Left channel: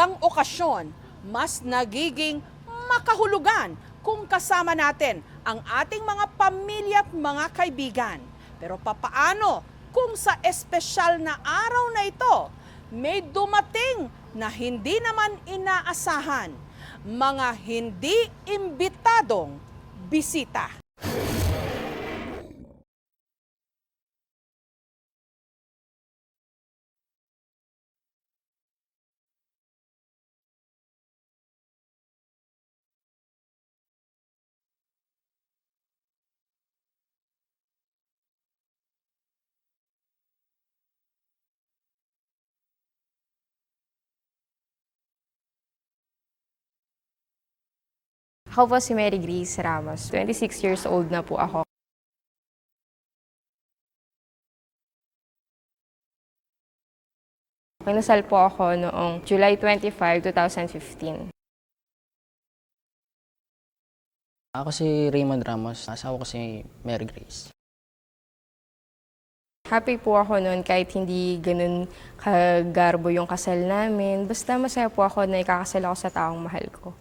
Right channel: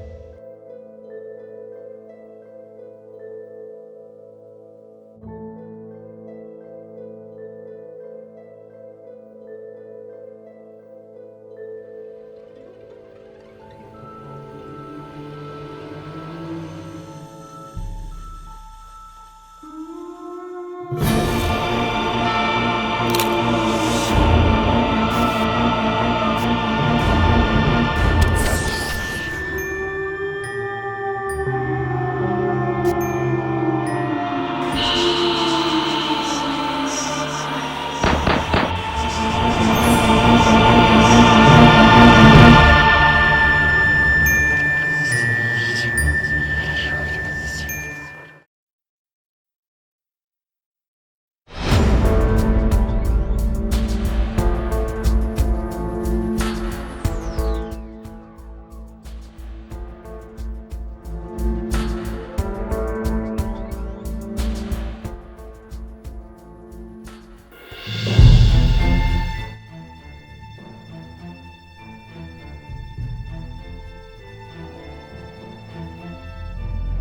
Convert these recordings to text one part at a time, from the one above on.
mahalagang okasyon, mas nagiging makahulugan kung kasama natin ang ating mga pamilya at mga kaibigan. Pero papaano kung sa espesyal na araw na ito, may dumating na hindi naman inaasahan, mga hindi imbitadong bisita? Ako po si Mary Grace Ramos. 26 years old na po ako. Pinasal po ako noong July 25, 2015. Ako si Raymond Ramos. Asawa ko si Mary Grace. Happy po ako noon kahit hindi ganun kagarbo yung kasal namin. Basta masaya po ako na ikakasal ako sa taong mahal ko.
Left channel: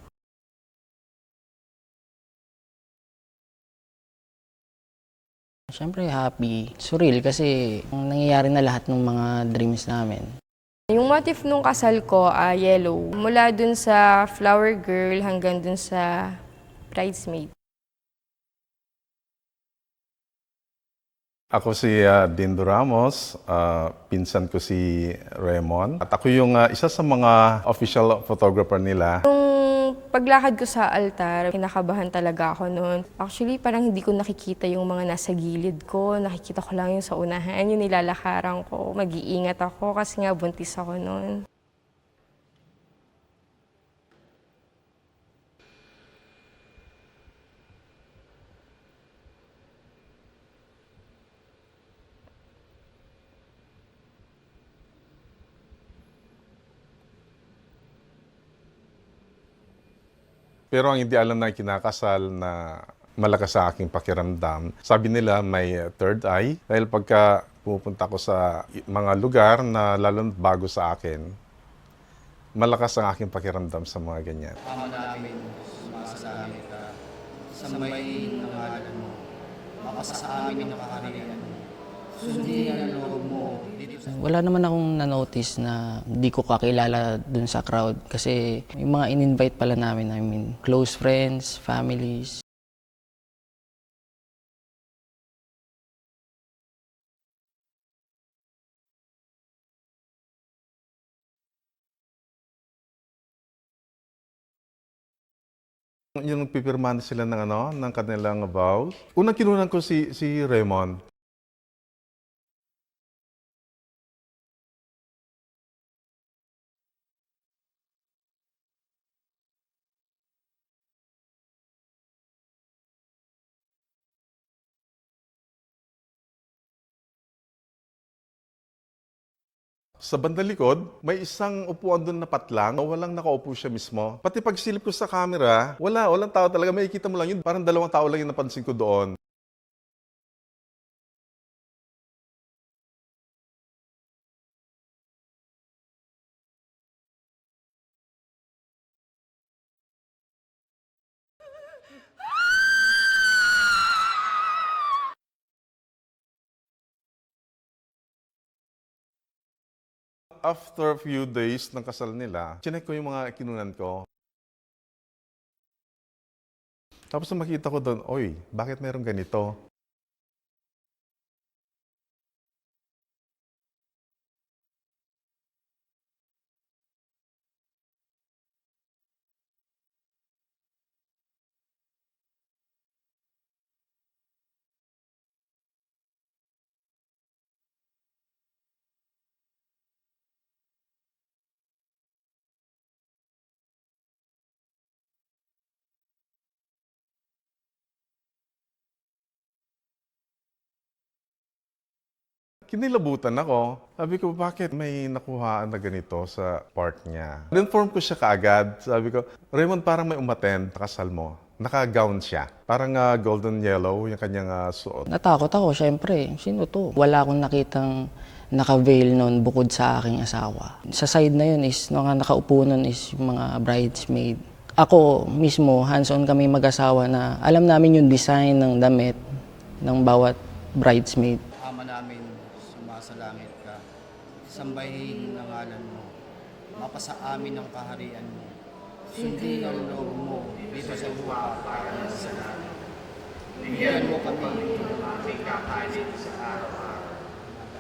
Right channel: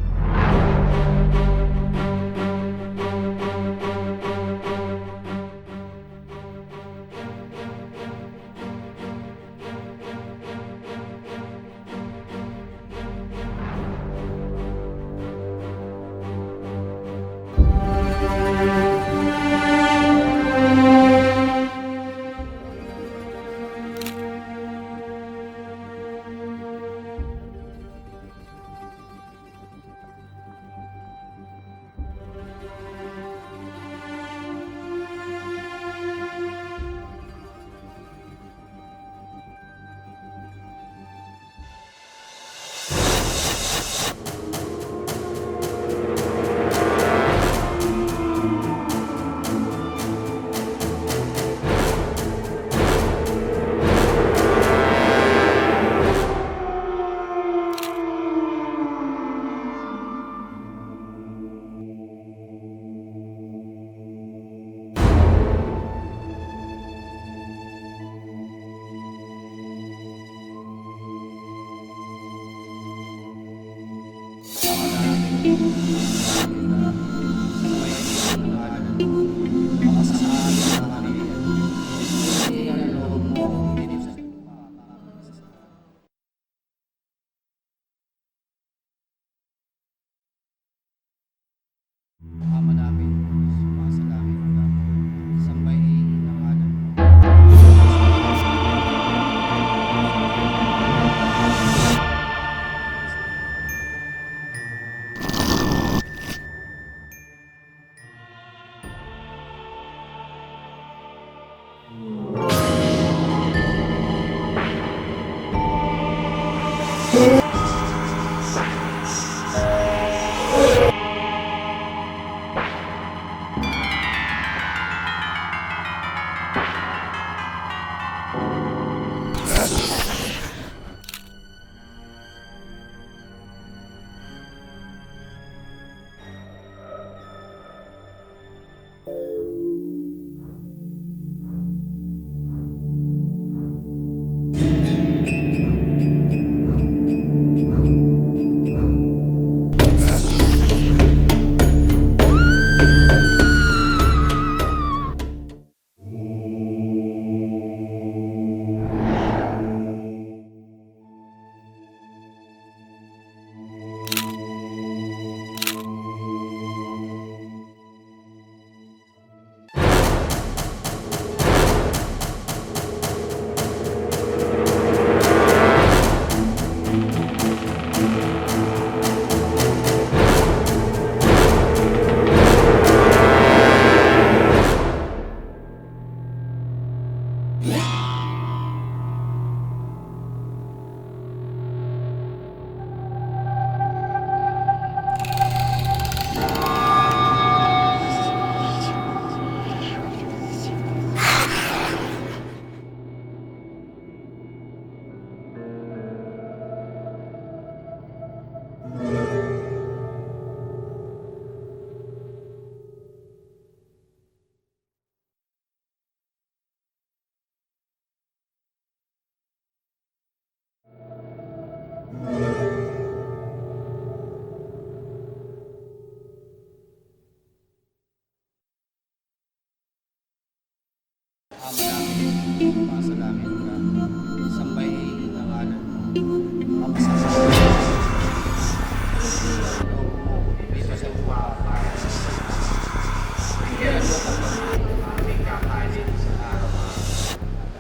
Siyempre happy, surreal kasi nangyayari na lahat ng mga dreams namin. Yung motif nung kasal ko, yellow. Mula dun sa flower girl hanggang dun sa bridesmaid. Ako si Dindo Ramos, pinsan ko si Raymond. At ako yung isa sa mga official photographer nila. Nung paglakad ko sa altar, kinakabahan talaga ako noon. Actually, parang hindi ko nakikita yung mga nasa gilid ko. Nakikita ko lang yung sa unahan, yung nilalakaran ko. Mag-iingat ako kasi nga buntis ako noon. Pero ang hindi alam na kinakasal na malakas sa aking pakiramdam. Sabi nila may third eye dahil pagka pupunta ko sa mga lugar na lalo bago sa akin, malakas ang aking pakiramdam sa mga ganyan. Wala naman akong na-notice na hindi ko kakilala dun sa crowd kasi yung mga in-invite pala namin, I mean, close friends, families. Yung pipirmahan sila ng kanilang vows. Unang kinunan ko si Raymond. Sa bandang likod, may isang upuan doon na patlang. Walang nakaupo siya mismo. Pati pagsilip ko sa camera, walang tao talaga. Makikita mo lang yun. Parang dalawang tao lang yung napansin ko doon. After a few days ng kasal nila, chinek ko yung mga kinunan ko. Tapos makita ko doon, oy, bakit meron ganito? Kinilabutan ako. Sabi ko, bakit may nakuha na ganito sa part niya? In-inform ko siya kaagad. Sabi ko, Raymond, parang may umattend sa kasal mo. Naka-gown siya. Parang golden yellow yung kanyang suot. Natakot ako, syempre. Sino to? Wala akong nakitang naka-veil noon bukod sa aking asawa. Sa side na yun is, mga nakaupo nun is yung mga bridesmaid. Ako mismo, hands-on kami mag-asawa na alam namin yung design ng damit ng bawat bridesmaid. Ama namin, sumasalangit ka, sambahin ang ngalan mo, mapasakamin mo, hindi ang loob mo, dito sa lupa, para sa sana. Bigyan mo kami, aming kakainin sa araw.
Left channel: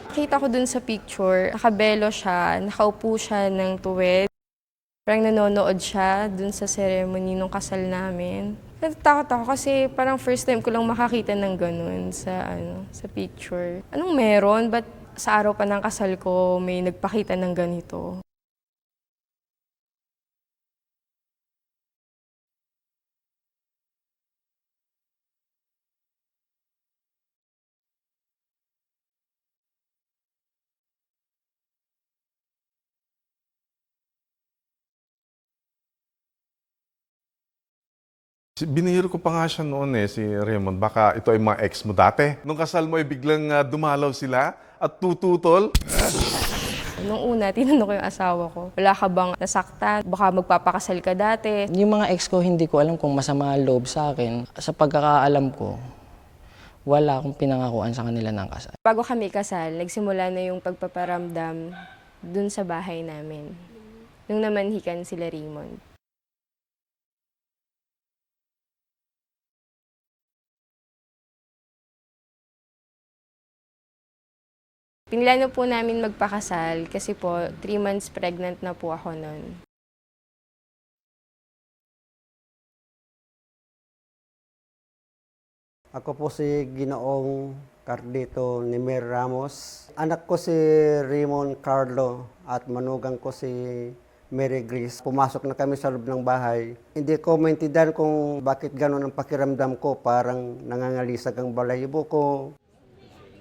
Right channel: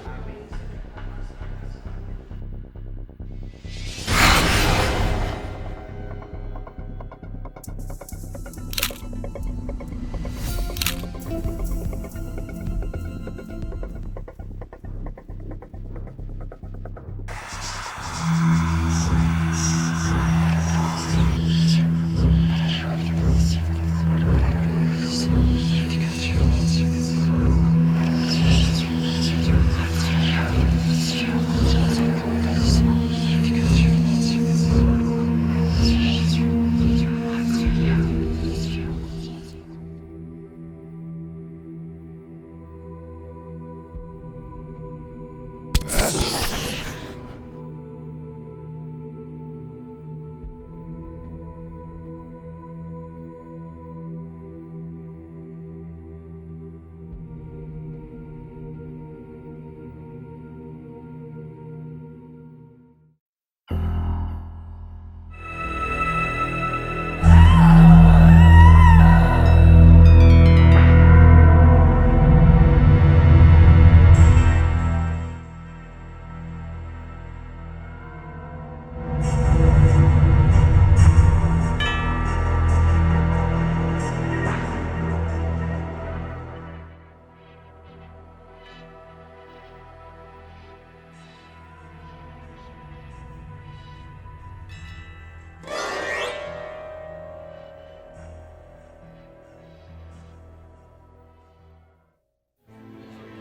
Kita ko dun sa picture, nakabelo siya, nakaupo siya ng tuwid. Parang nanonood siya dun sa ceremony nung kasal namin. Nagtakot ako kasi parang first time ko lang makakita ng ganun sa picture. Anong meron? Ba't sa araw pa ng kasal ko may nagpakita ng ganito? Binihiro ko pa nga siya noon si Raymond. Baka ito ay mga ex mo dati. Nung kasal mo ay biglang dumalaw sila at tututol. Nung una, tinanong ko yung asawa ko, wala ka bang nasaktan? Baka magpapakasal ka dati. Yung mga ex ko, hindi ko alam kung masama ang loob sa akin. Sa pagkakaalam ko, wala akong pinangakuan sa kanila ng kasal. Bago kami kasal, nagsimula na yung pagpaparamdam dun sa bahay namin. Nung namanhikan sila Raymond. Pinlano po namin magpakasal kasi po 3 months pregnant na po ako. Ako po si Ginoong Cardito Nimer Ramos. Anak ko si Raymond Carlo at manugang ko si Mary Grace. Pumasok na kami sa loob ng bahay. Hindi ko maintindihan kung bakit gano'n ang pakiramdam ko. Parang nangangalisag ang balahibo ko.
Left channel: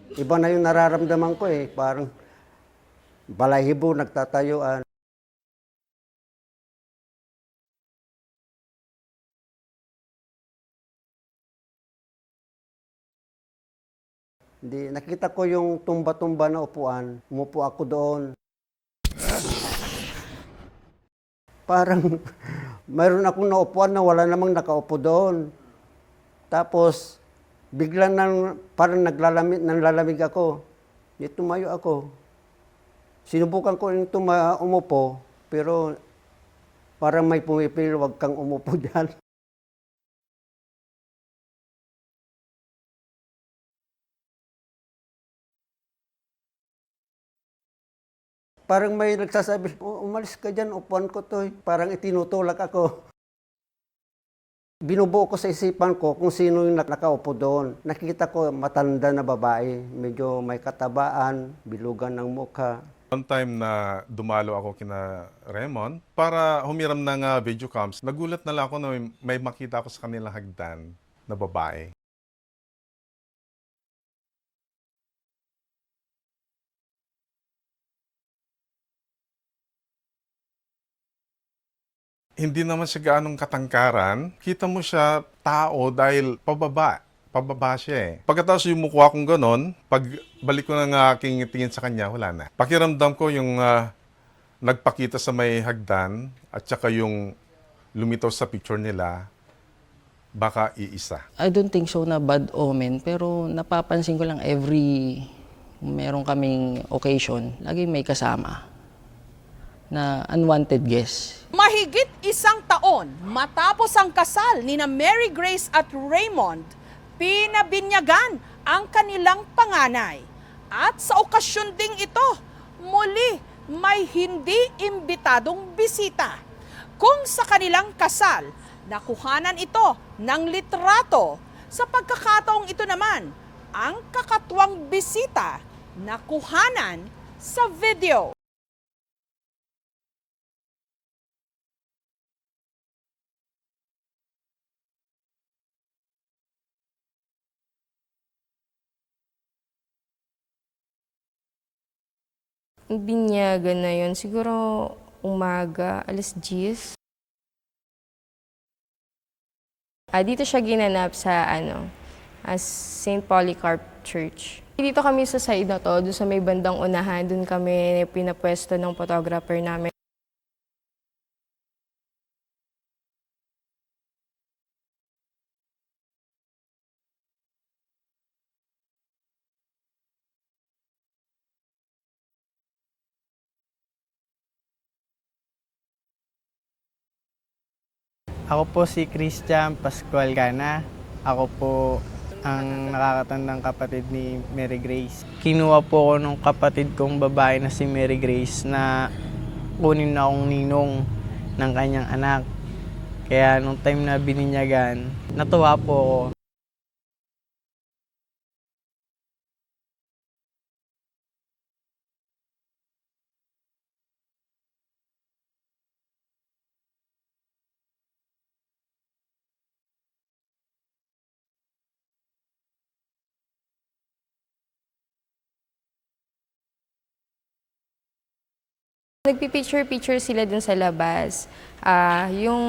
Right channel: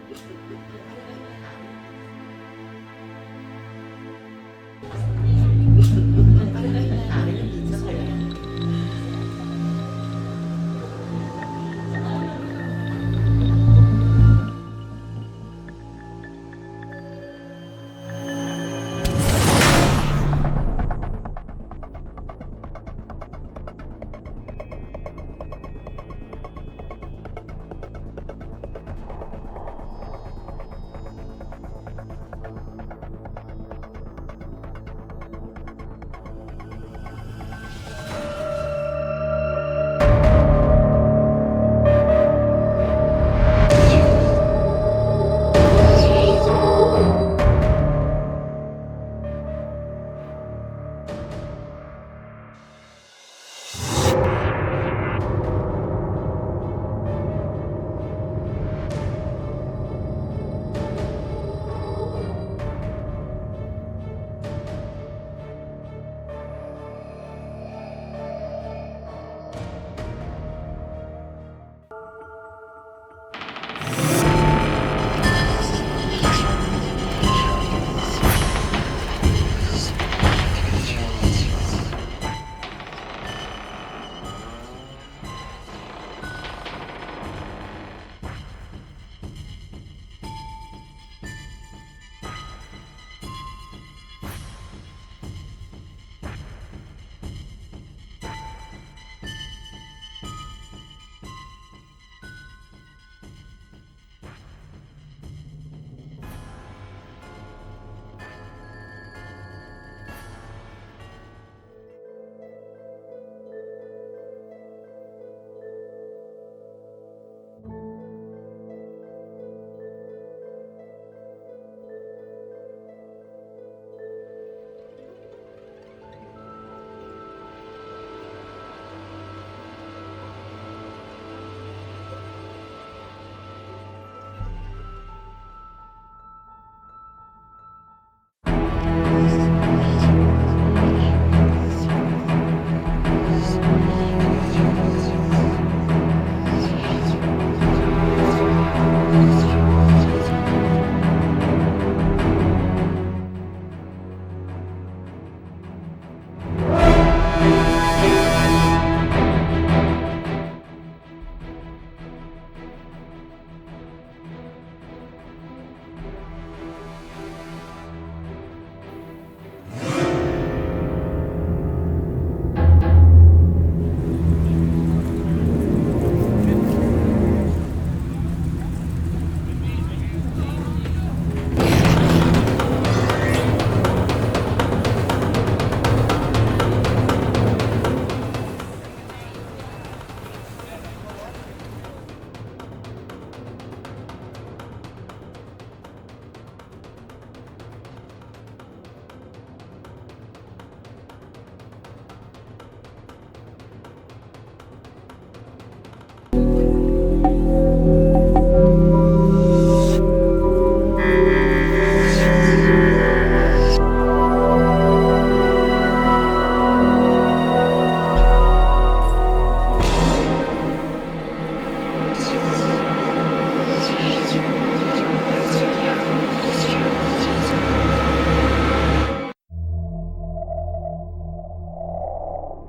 Iba na yung nararamdaman ko parang balahibo, nagtatayuan. Nakita ko yung tumba-tumba na upuan. Umupo ako doon. Parang mayroon akong naupuan na wala namang nakaupo doon. Tapos biglang parang naglalamig ako. Di tumayo ako. Sinubukan ko yung umupo, pero parang may pumipili, wag kang umupo dyan. Parang may nagsasabi, umalis ka dyan, upuan ko to. Parang itinutulak ako. Binubuo ko sa isipan ko kung sino yung nakaupo doon. Nakita ko matanda na babae. Medyo may katabaan, lugan ng mukha. One time na dumalo ako kina Raymond para humiram ng video cams, nagulat na lang ako na may makita ko sa kanilang hagdan na babae. Hindi naman siya ganong katangkaran. Kita mo siya tao dahil pababa siya Pagkatapos yung mukha kong ganon, pagbalik ko ng aking tingin sa kanya, wala na. Pakiramdam ko yung nagpakita sa may hagdan at saka yung lumitaw sa picture nila, baka iisa. I don't think so na bad omen, pero napapansin ko lang meron kaming occasion, lagi may kasama na unwanted guest. Mahigit 1 taon matapos ang kasal ni na Mary Grace at Raymond, pinabinyagan ang kanilang panganay. At sa okasyon ding ito, muli may hindi imbitadong bisita. Kung sa kanilang kasal, nakuhanan ito ng litrato. Sa pagkakataong ito naman, ang kakatuwang bisita nakuhanan sa video. Binyagan na yun, siguro umaga, 10:00. Dito siya ginanap sa St. Polycarp Church. Dito kami sa side na to, doon sa may bandang unahan, doon kami pinapwesto ng photographer namin. Ako po si Christian Pascual Cana. Ako po ang nakakatandang kapatid ni Mary Grace. Kinuha po ako nung kapatid kong babae na si Mary Grace na kunin na akong ninong ng kanyang anak. Kaya nung time na bininyagan, natuwa po ako. Nagpipicture-picture sila dun sa labas. Yung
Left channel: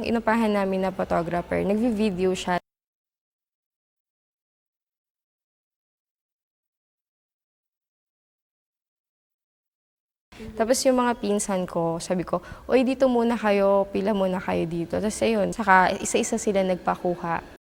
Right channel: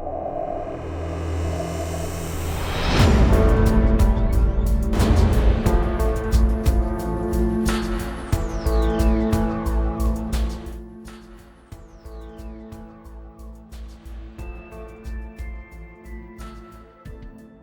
inupahan namin na photographer, nag-video siya. Tapos yung mga pinsan ko, sabi ko, "Oy, dito muna kayo, pila muna kayo dito." Tapos ayun, saka isa-isa sila nagpakuha.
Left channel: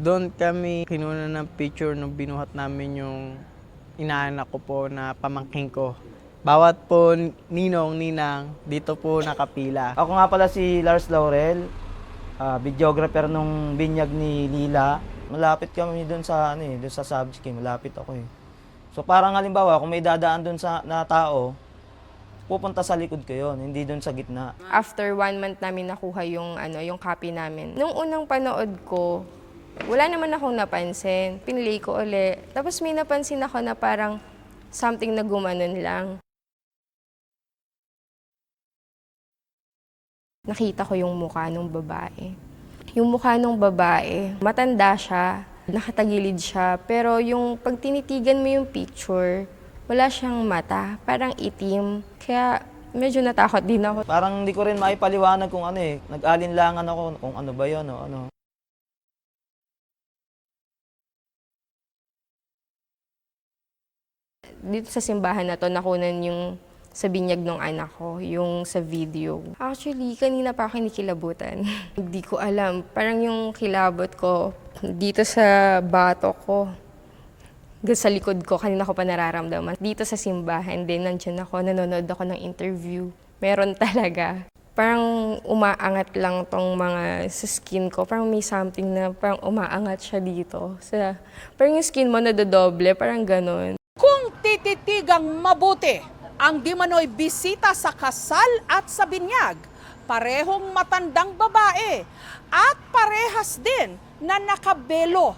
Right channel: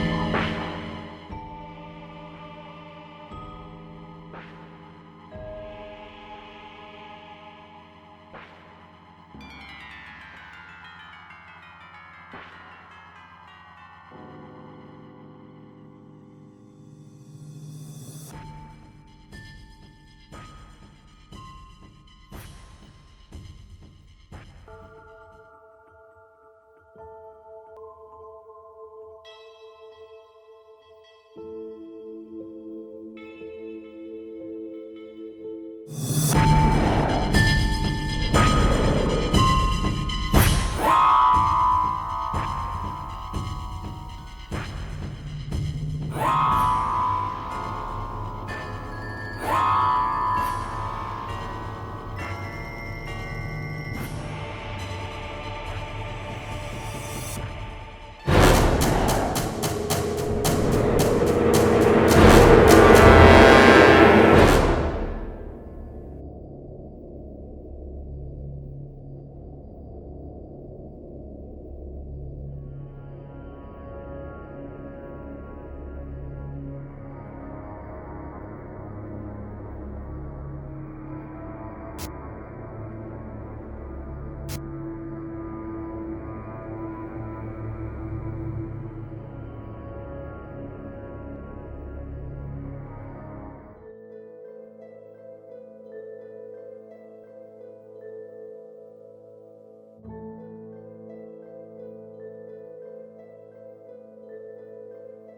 Doon kami kinuna ng picture nung binuhat namin yung inaanak ko po na pamangking ko. Bawat po ninong, ninang, dito po nakapila. Ako nga pala si Lars Laurel, videographer nung binyag ni Lila. Malapit kami doon sa doon sa Sabski, malapit ako eh. So parang halimbawa, kung may dadaan doon sa na tao, pupunta sa likod ko yun, hindi doon sa gitna. After 1 month namin nakuha yung yung copy namin. Nung unang panood ko, wala naman akong napansin. Pinlay ko uli. Tapos may napansin ako na parang something na gumanon lang. Nakita ko yung mukha ng babae. Yung mukha ng babae, matanda siya, nakatagilid siya, pero yung pag tinitigan mo yung picture, wala siyang mata, parang itim. Kaya medyo natakot din ako. Parang hindi ko rin maipaliwanag kung nag-alinlangan ako kung ano ba yun o ano. Dito sa simbahan na to, nakunan yung sa binyag ng anak ko, yung sa video. Actually, kanina pa ako kinikilabutan. Hindi ko alam. Parang yung kilabot ko dito sa batok ko, sa likod ko, kanina ko pa nararamdaman. Dito sa simbahan din, nandiyan ako, nanonood ako ng interview. Meron talaga. Parang umaangat lang tong mga sa skin ko. Parang may something na parang umaangat siya dito. Parang yung skin mo nadodoble, parang ganon. Kung tititigang mabuti ang di manoy bisita sa kasal at sa binyag, parehong matandang babae at parehas din na nakabelo.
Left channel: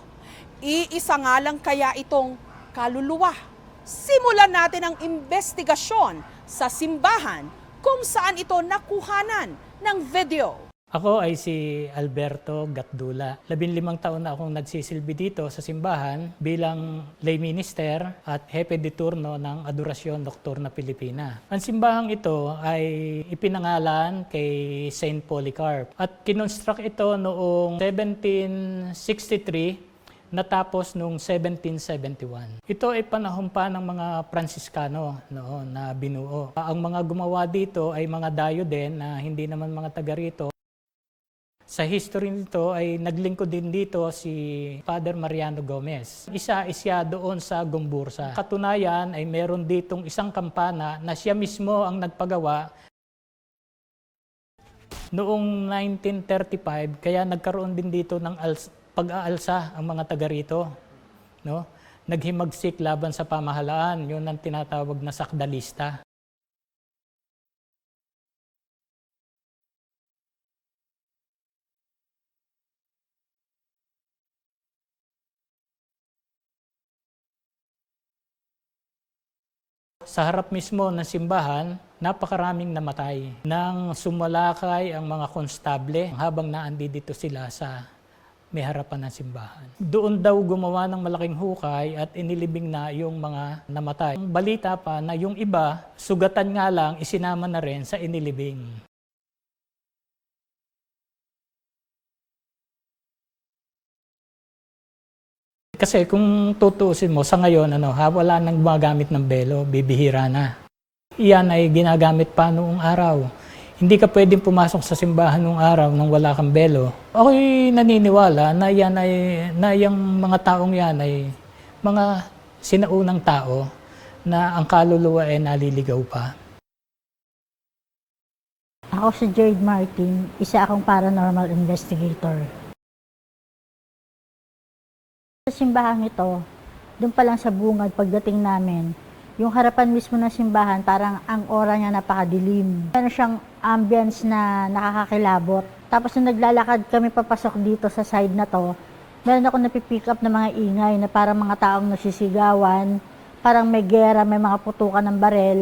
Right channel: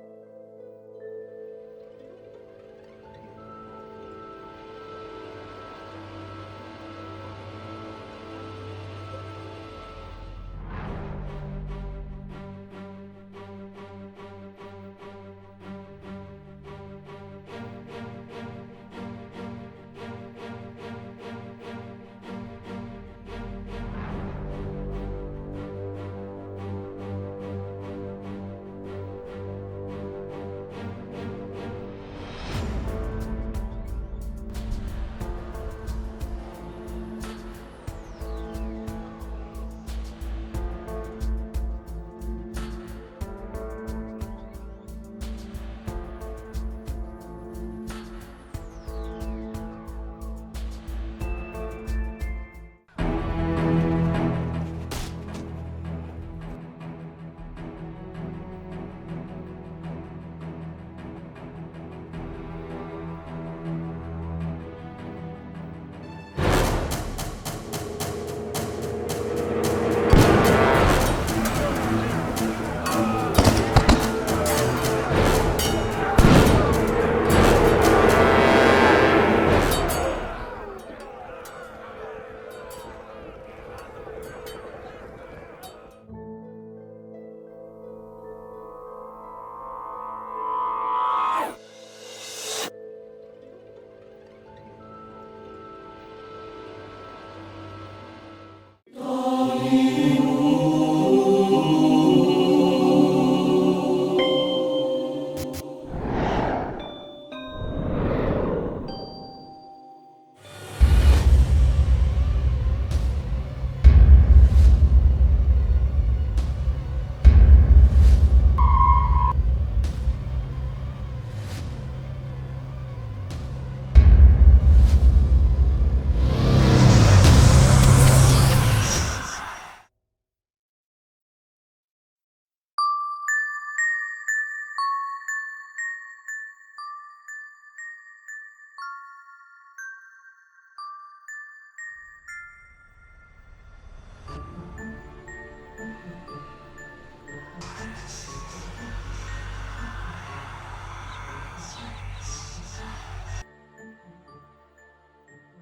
Iisa nga lang kaya itong kaluluwa. Simulan natin ang investigasyon sa simbahan kung saan ito nakuhanan ng video. Ako ay si Alberto Gatdula. 15 taon na akong nagsisilbi dito sa simbahan bilang lay minister at hepe de turno ng Adorasyon Nocturna Pilipina. Ang simbahang ito ay ipinangalan kay Saint Polycarp at kinonstruct ito noong 1763 natapos noong 1771. Ito ay panahon pa ng mga Franciscano noon na binuo. Ang mga gumawa dito ay mga dayo din na hindi naman mga taga rito. Sa history nito ay naglingkod din dito si Father Mariano Gomez. Isa siya doon sa Gombursa. Katunayan ay meron ditong isang kampana na siya mismo ang nagpagawa noong 1935, kaya nagkaroon din dito ng pag-aalsa ang mga taga rito. No? Naghimagsik laban sa pamahalaan, yun ang tinatawag na sakdalista. Sa harap mismo ng simbahan, napakaraming namatay nang sumalakay ang mga konstable habang naandi dito sila sa may harapan ng simbahan. Doon daw gumawa ng malaking hukay at inilibing na yung mga namatay. Ang balita pa na yung iba, sugatan nga lang, isinama na rin sa inilibing. Kasi kung tutuusin mo, sa ngayon, wala nang gumagamit ng belo, bibihira na. Iyan ay ginagamit pa noong araw. Hindi ka pwedeng pumasok sa simbahan noong araw nang wala kang belo. Ako'y naniniwala na yung mga taong yan ay mga sinaunang tao na ang kaluluwa ay naliligaw pa. Ako si Jade Martin, isa akong paranormal investigator. Sa simbahan ito, doon pa lang sa bungad pagdating namin, yung harapan mismo ng simbahan, parang ang aura niya napakadilim. Meron siyang ambience na nakakakilabot. Tapos nung naglalakad kami papasok dito sa side na to, meron ako napipick up na mga ingay na parang mga taong nagsisigawan, parang may gera, may mga putukan ng barel.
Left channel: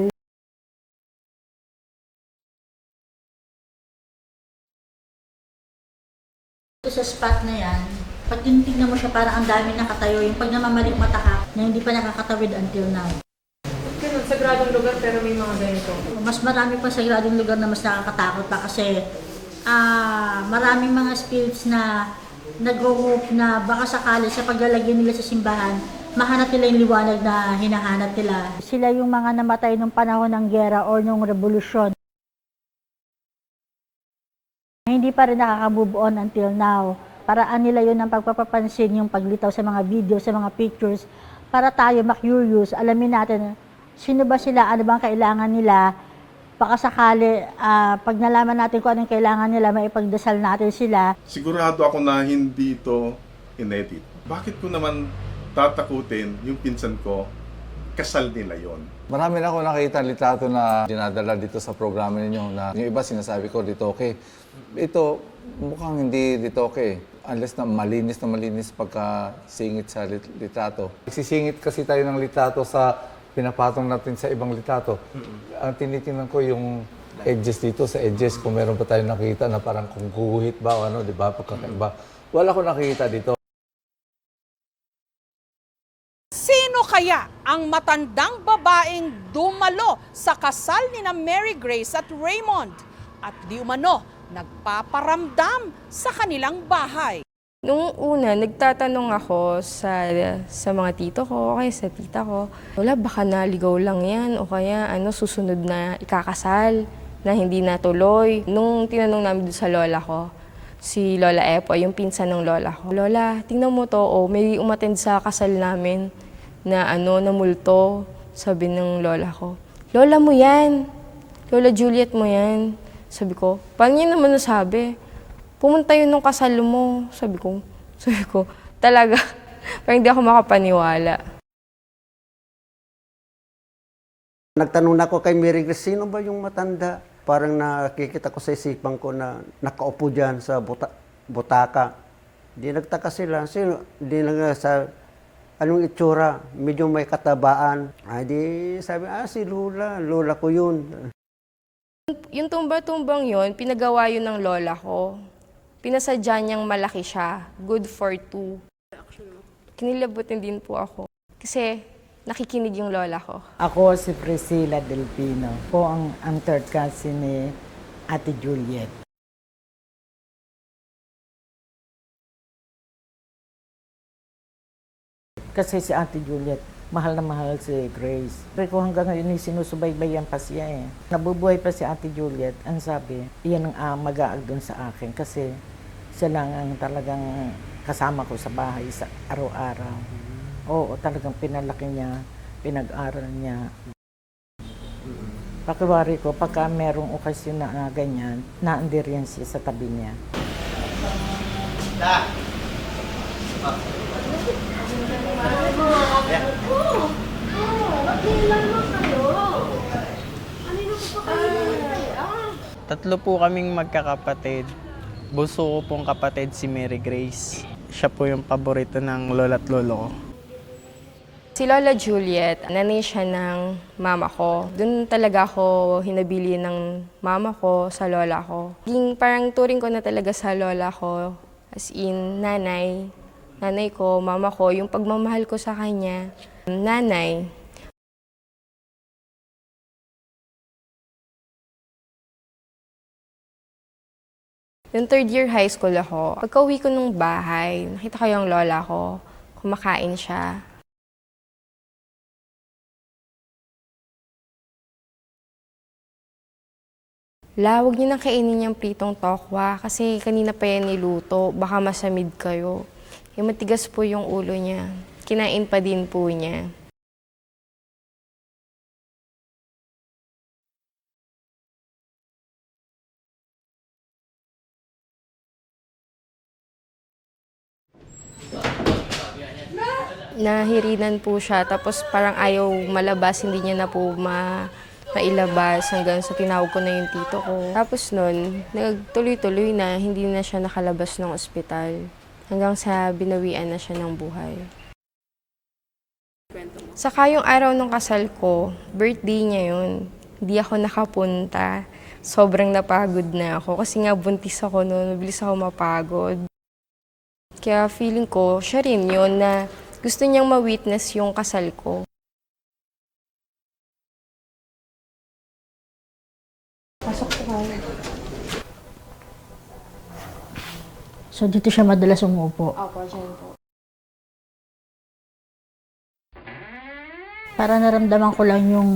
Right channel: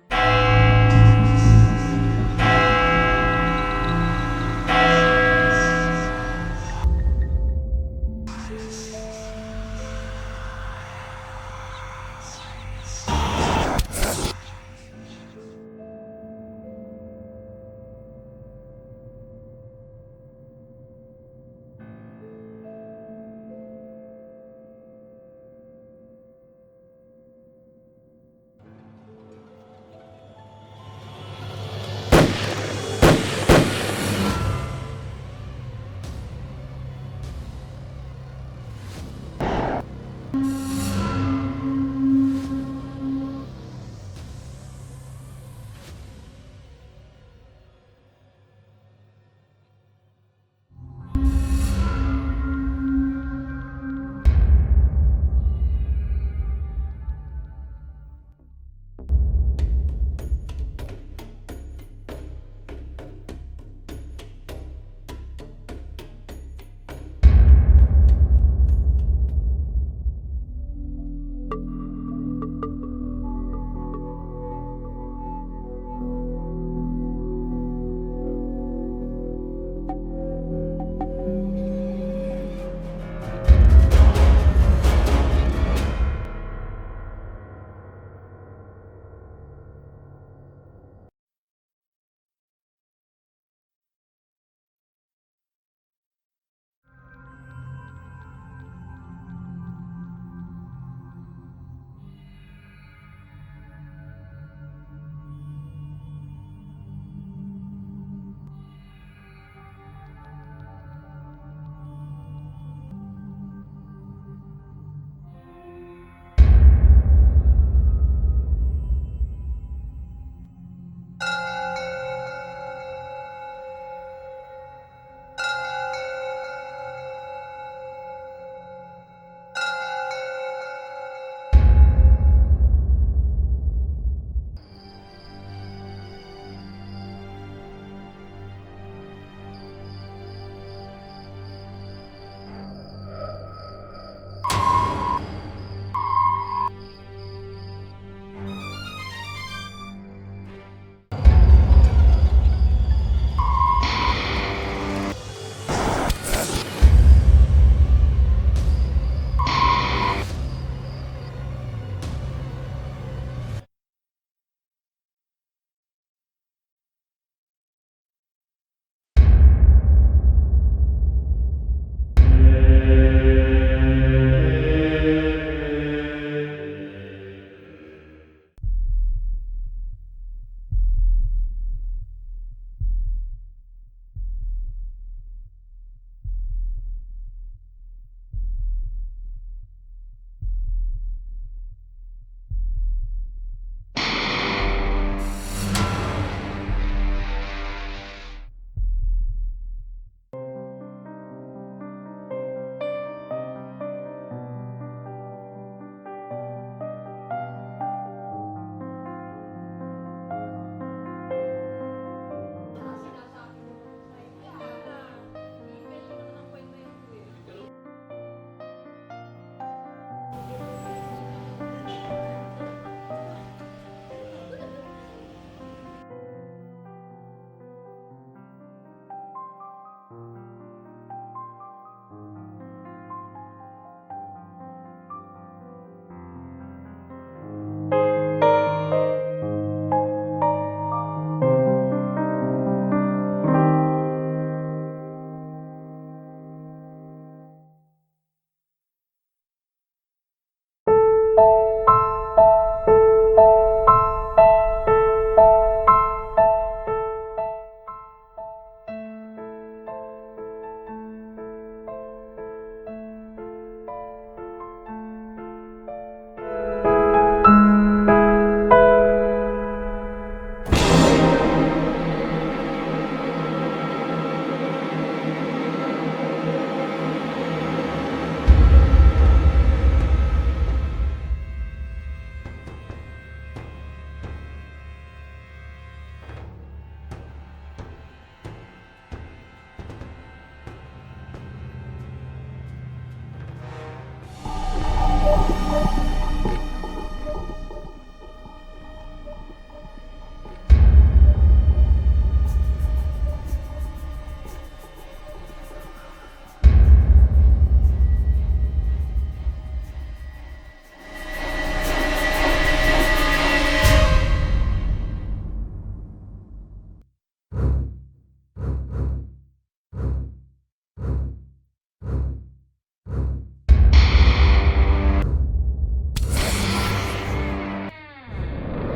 Sa spot na yan, pag tinitignan mo siya, parang ang dami nakatayo. Yung pag namamalik mata ka, na hindi pa nakakatawid until now. Sagradong lugar pero may mga ganito. Mas marami pa sa sagradong lugar na mas nakakatakot pa kasi maraming mga spirits na nag-hope na baka sakali sa paglalagyan nila sa simbahan, mahanap nila yung liwanag na hinahanap nila. Sila yung mga namatay nung panahon ng gera o nung revolusyon. Hindi pa rin nakaka-move on until now. Paraan nila yun ng pagpapapansin, yung paglitaw sa mga video, sa mga pictures. Para tayo ma-curious, alamin natin sino ba sila, ano bang kailangan nila. Baka sakali, pag nalaman natin kung anong kailangan nila, maipagdasal natin sila. Sigurado ako na hindi ito inedit. Bakit ko naman tatakutin yung pinsan ko, kasal nila yon? Marami na ako nakita litrato na dinadala dito sa programa ninyo na yung iba sinasabi ko dito okay. Ito mukhang hindi dito okay. Unless na malinis pagka singit sa litrato. Sisingit kasi tayo ng litrato sa pinapatong natin sa ibang litrato. Ang tinitingnan ko yung edges dito sa edges kung meron pa tayo nakita na parang kumukuhit ba o ano, di ba? Pagkakaiba. Wala ko nakita dito. Sino kaya ang matandang babaeng dumalo sa kasal ni na Mary Grace at Raymond at di umano nagpaparamdam sa kanilang bahay? Nung una, nagtatanong ako sa mga tito ko, o kaya sa tita ko, wala, baka naligaw lang yan o kaya susunod na ikakasal na hindi natuloy. Nung tinanong namin doon sa lola ko, si Lola Epo, yung pinsan ng lola ko, Lola, tingnan mo to, may umattend sa kasal namin na na multo. Sabi ng lola ko, Lola mo yan, Lola Juliet mo yan. Sabi ko, paano niya naman nasabi? Pumunta yun nung kasal mo. Sabi ko, talaga, parang hindi ako makapaniwala. Nagtanong na ako kay Mary Grace, sino ba yung matanda? Parang nakikita ko sa isipan ko na nakaupo dyan sa butaka. Di nagtaka sila. Di sa anong itsura, medyo may katabaan. Ay di sabi, si Lola ko yun. Yung tumba-tumbang yon, pinagawa yun ng lola ko. Pinasadya niyang malaki siya, good for 2. Nilabutin din po ako. Kasi nakikinig yung lola ko. Ako si Priscilla Delpino. Po ang third cousin ni Ate Juliet. Kasi si Ate Juliet, mahal na mahal si Grace. Pero hanggang ngayon, sinusubaybayan pa siya eh. Nabubuhay pa si Ate Juliet. Ang sabi, iyan ang mag-aag doon sa akin kasi siya lang ang talagang kasama ko sa bahay sa araw-araw. Oo, talagang pinalaki niya, pinag-aral niya. Kasuwari ko, pagka merong okasyon na ganyan, naandir yan siya sa tabi niya. Tatlo po kaming magkakapatid. Bunso ko pong kapatid si Mary Grace. Siya po yung paborito ng lola at lolo ko. Si Lola Juliet, nanay siya ng mama ko. Doon talaga ako hinabili ng mama ko sa lola ko. Parang turing ko na talaga sa lola ko As in, nanay ko, mama ko, yung pagmamahal ko sa kanya. Nanay. Yung third year high school ako, pagka-uwi ko nung bahay, nakita ko yung lola ko, kumakain siya. Huwag niyo nang kainin yung pritong tokwa kasi kanina pa yan niluto, baka masamid kayo. Yung matigas po yung ulo niya, kinain pa din po niya. Nahirinan po siya, tapos parang ayaw malabas, hindi niya na po mailabas hanggang sa tinawag ko na yung tito ko. Tapos nun, nagtuloy-tuloy na, hindi na siya nakalabas ng ospital. Hanggang sa binawian na siya ng buhay. Saka yung araw ng kasal ko, birthday niya yun. Hindi ako nakapunta. Sobrang napagod na ako kasi nga buntis ako noon, mabilis ako mapagod. Kaya feeling ko, siya rin yun na gusto niyang ma-witness yung kasal ko. Pasok po kami. So dito siya madalas umupo? Opo, siya po. Para naramdaman ko lang yung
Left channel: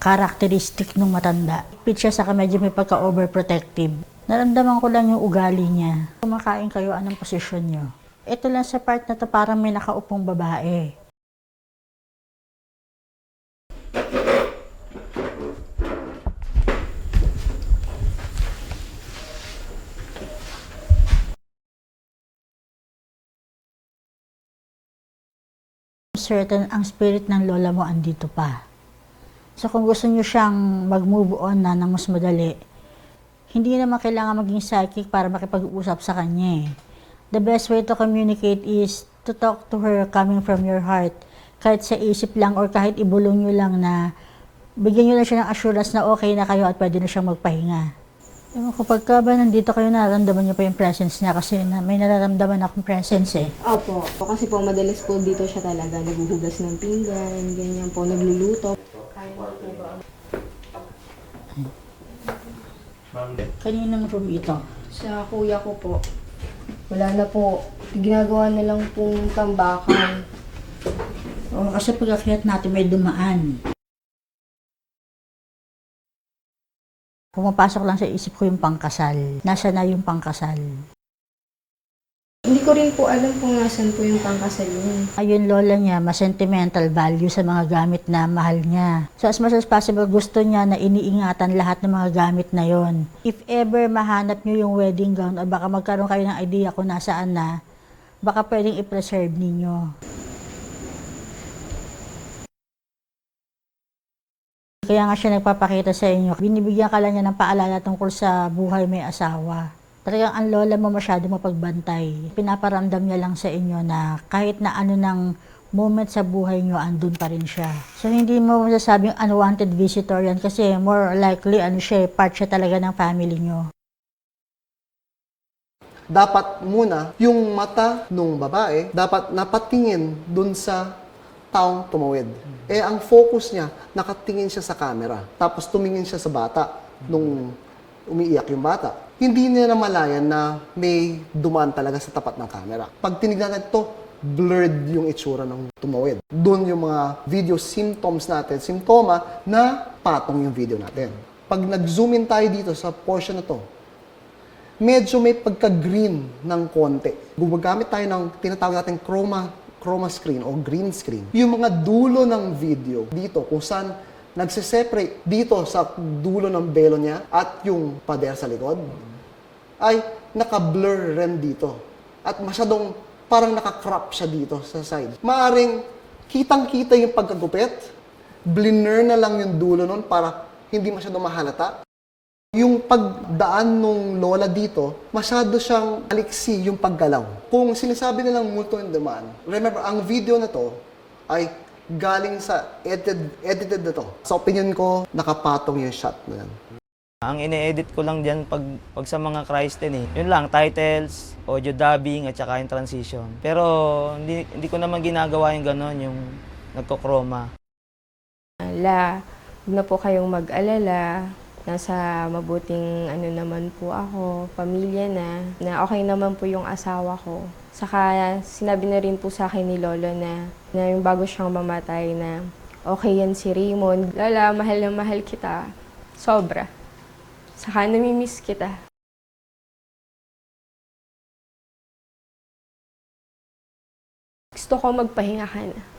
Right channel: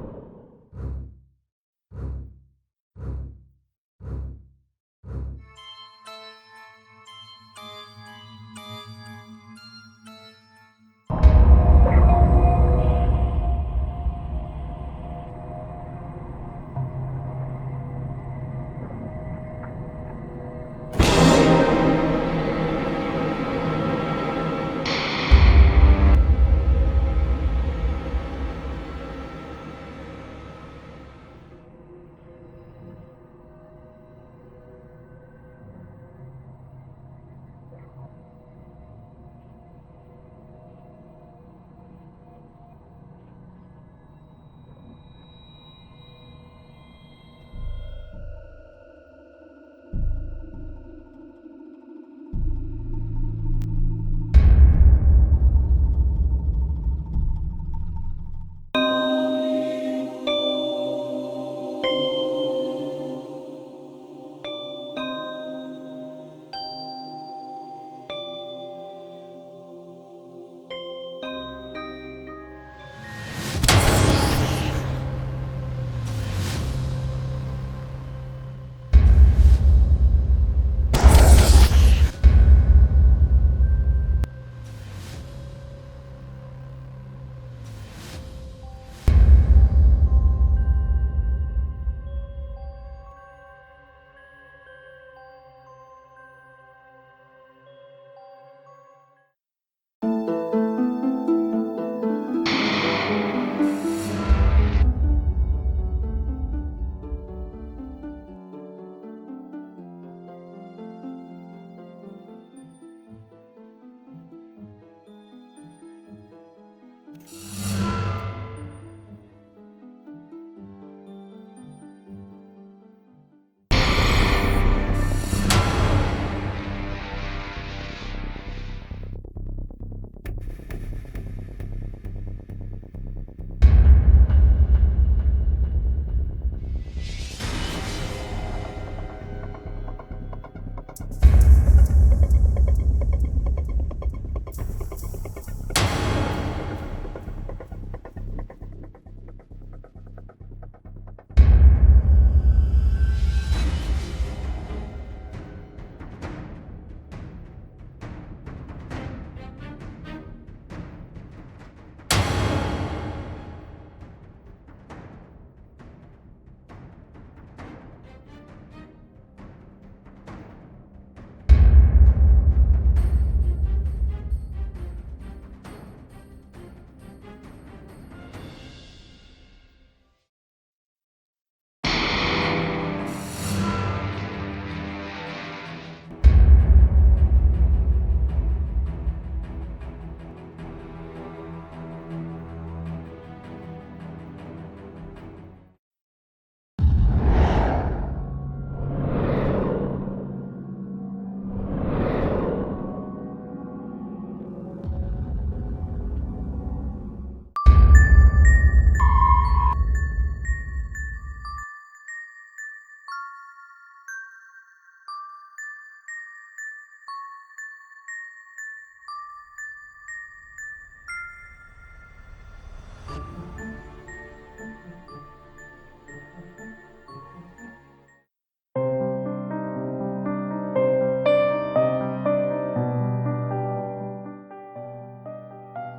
characteristic ng matanda. Pit siya saka medyo may pagka-overprotective. Naramdaman ko lang yung ugali niya. Kumakain kayo, anong posisyon niyo? Ito lang sa part na to parang may nakaupong babae. Certain ang spirit ng lola mo andito pa. So kung gusto niyo siyang mag-move on na ng mas madali, hindi naman kailangan maging psychic para makipag-usap sa kanya. The best way to communicate is to talk to her coming from your heart. Kahit sa isip lang or kahit ibulong nyo lang na bigyan nyo lang siya ng assurance na okay na kayo at pwede na siyang magpahinga. Kapag ka ba nandito kayo, nararamdaman niyo pa yung presence niya kasi may nararamdaman akong presence eh. Opo, kasi po madalas po dito siya talaga, naghuhugas ng pinggan, ganyan po, nagluluto. Kaninang room ito? Sa kuya ko po, wala na po, ginagawa na lang pong tambakan. O, kasi pag-akyat natin may dumaan. Pumapasok lang sa isip ko yung pangkasal. Nasa na yung pangkasal? Hindi ko rin po alam kung nasan po yung pangkasal yun. Ayun, lola niya, mas sentimental value sa mga gamit na mahal niya. So as much as possible, gusto niya na iniingatan lahat ng mga gamit na yon. If ever mahanap niyo yung wedding gown o baka magkaroon kayo ng idea kung nasaan na, baka pwedeng i-preserve ninyo. Kaya nga siya nagpapakita sa inyo. Binibigyan ka lang niya ng paalala tungkol sa buhay may asawa. Talagang ang lola mo masyado mapagbantay. Pinaparamdam niya lang sa inyo na kahit na ano ng moment sa buhay niyo, andun pa rin siya. So hindi mo masasabing unwanted visitor yan kasi more likely part siya talaga ng family niyo. Dapat muna yung mata ng babae dapat napatingin dun sa taong tumawid. Ang focus niya, nakatingin siya sa camera. Tapos tumingin siya sa bata nung umiiyak yung bata. Hindi niya namalayan na may dumaan talaga sa tapat ng camera. Pag tinignan natin blurred yung itsura ng tumawid. Doon yung mga video symptoms natin, simptoma na patong yung video natin. Pag nag-zoom in tayo dito sa portion na to, medyo may pagka-green ng konti. Gumagamit tayo ng tinatawag natin chroma screen o green screen. Yung mga dulo ng video dito kung saan nagsiseparate dito sa dulo ng belo niya at yung pader sa likod ay naka-blur rin dito. At masyadong parang naka-crop siya dito sa side. Maaring kitang-kita yung pagkagupit, blur na lang yung dulo nun para hindi masyadong mahalata. Yung pagdaan ng lola dito, masyado siyang aliksi yung paggalaw. Kung sinasabi nilang multo in demand, remember, ang video na to ay galing sa edited na to. Sa opinion ko, nakapatong yung shot na yan. Ang ine-edit ko lang dyan pag sa mga cries din eh. Yun lang, titles, audio dubbing, at saka yung transition. Pero hindi ko naman ginagawa yung gano'n, yung nagko-chroma. Huwag na po kayong mag-alala. Nasa mabuting naman po ako, pamilya na okay naman po yung asawa ko. Saka sinabi na rin po sa akin ni Lolo na yung bago siyang mamatay na okay yan si Raymond. Lola, mahal na mahal kita. Sobra. Saka namimiss kita. Gusto ko magpahinga ka na.